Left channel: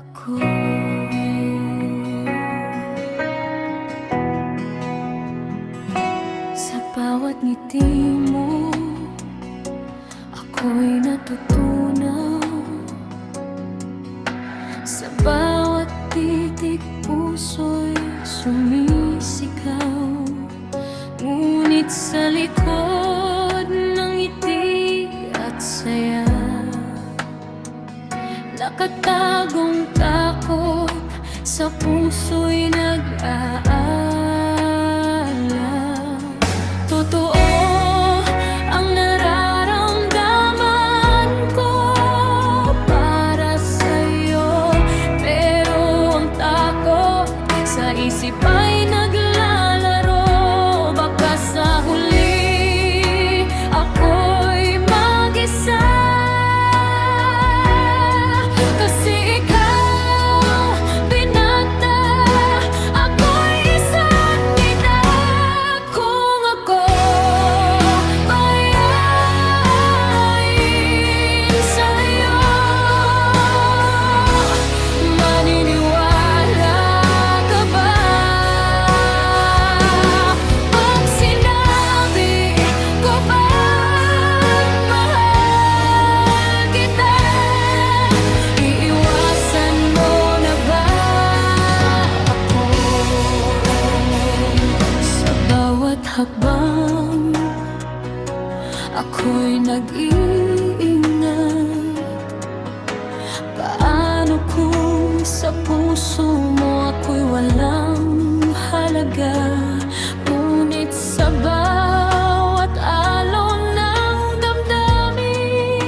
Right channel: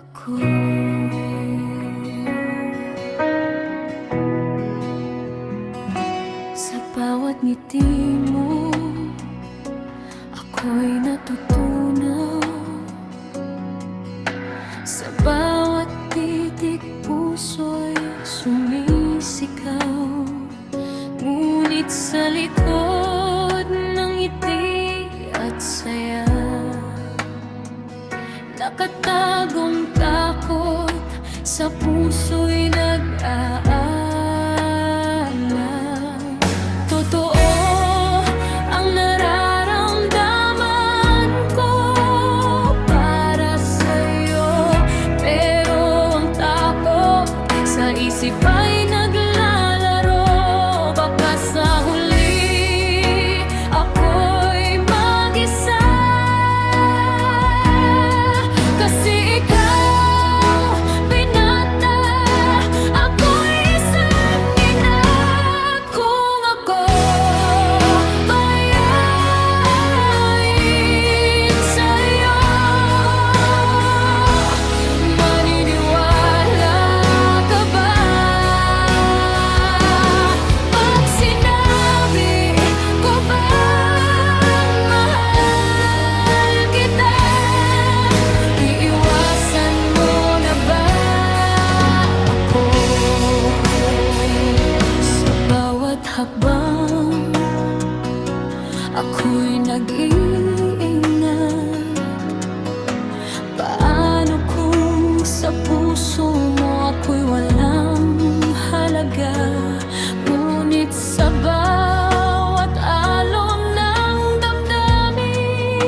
ako. Sa bawat ngiti mo, ako'y natutunaw. Sa bawat titik puso'y sumisigaw. Ngunit sa likod ng ngiti at saya, nakatagong takot, sa puso'y nag-aala. Totoo ang nararamdaman ko para sa'yo, pero ang takot sa isip ay naglalaro. Baka sa huli ako'y mag-isa, kasi ikaw binata, ako'y isang ina. Kung ako bayain sa'yo, maniniwala ka ba? Pag sinabi ko bang mahal kita, iiwasan mo na ba ako? Sa bawat hakbang, ako'y nag-iingat. Paano kung sa puso mo ako'y walang halaga? Ngunit sa bawat alon ng damdamin,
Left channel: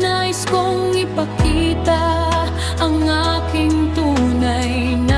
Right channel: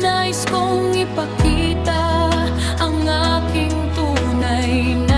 nais kong ipakita ang aking tunay na